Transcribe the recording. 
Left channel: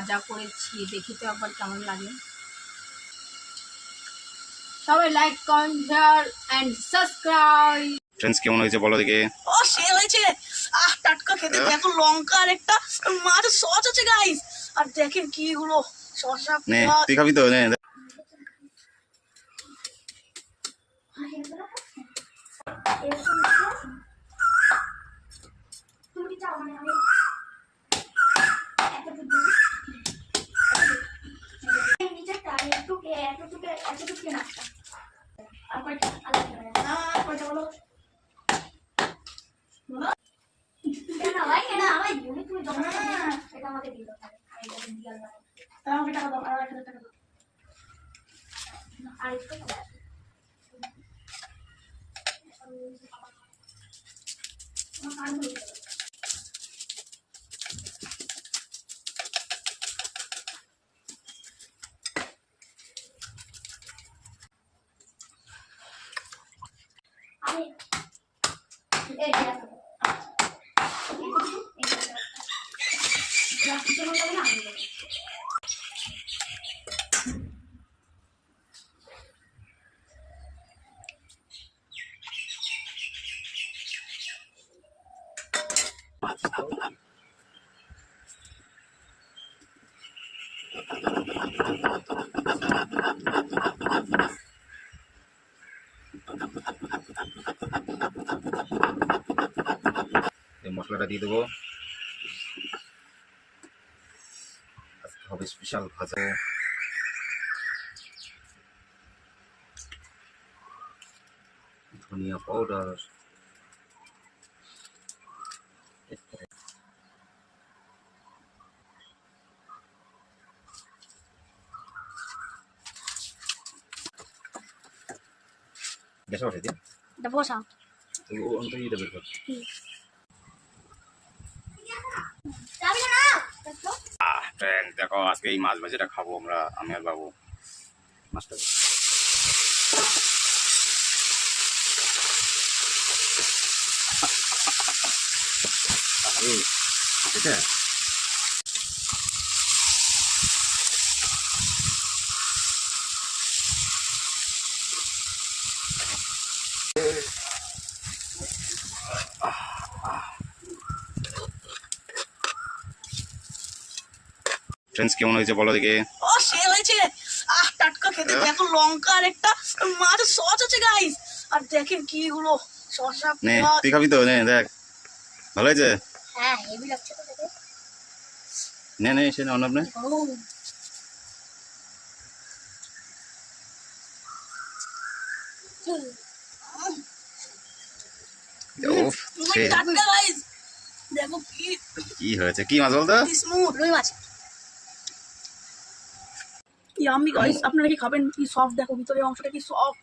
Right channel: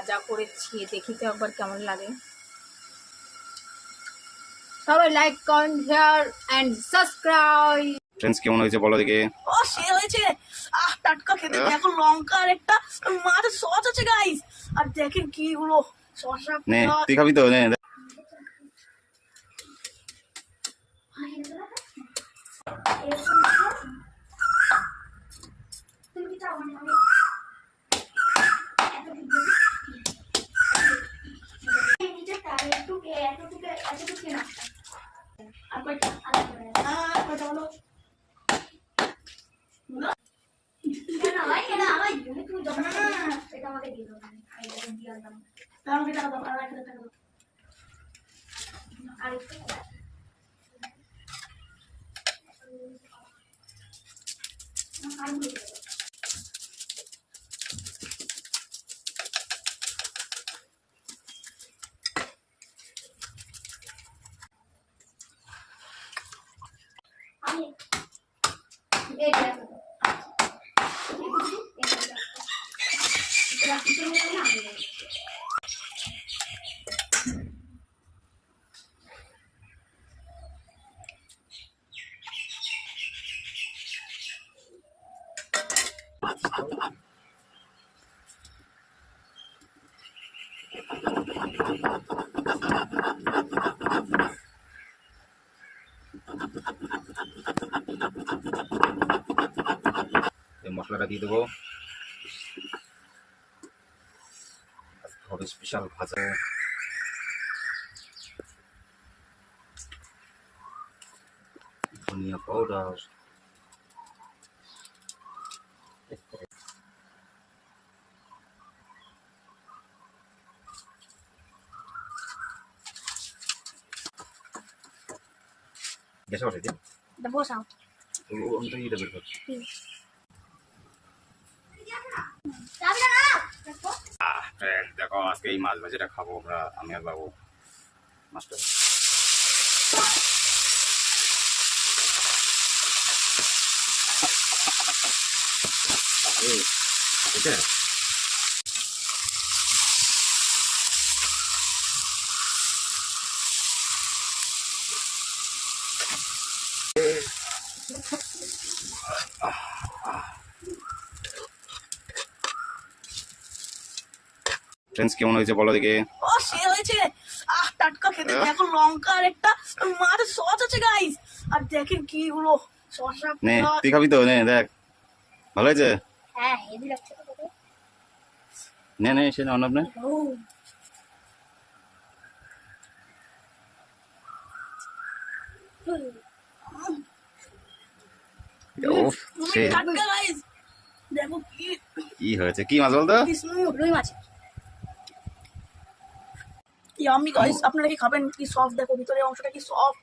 ভাজা করেছি। দেখি তো একবার কেমন লাগে। সবাই like comment share and subscribe friends কেমন হয়েছে বলো দেখে? ও সে হয়েছে। আহ টাটকা খেতে দেখো লঙ্কা আর একটা মাছ সস আছে গাইস আর দেখেন কি গুলো শসা নে তুই খাবি তো? নে। টাকা দাও, আর এক হাজার টাকা দাও। এই মশলাটা দিয়ে দেবো। হবে স্পেশাল ভাজা। ধনিয়া পাউডার গ্যাসে ওঠে দিয়ে বসাও দেবে বের কর ফ্রেন্ড দেখো আজকে এই মাছ ভাজিটা খাব আমরা আমি আর বাবু মাছটা এই, এটা ফ্রেন্ডস কেমন হয়েছে বলো দেখে। ও সে হয়েছে। আহ টাটকা খেতে। দেখো লঙ্কা আর একটা মাছ সস আছে গাইস আর দেখেন কি গুলো শসা নে তুই খাবি তো? নে দেখ। ভালো হয়েছে? হ্যাঁ হেভি লাগছে তো দেখে নে নে সে গাইস দেখো কি কি হয়েছে? কি মাছ বলতো? রুই মাছ। ইয়ামি গাইস আপনারা কি খাবেন? কি সফট দেখো ভিতরে অংশটা কি সফট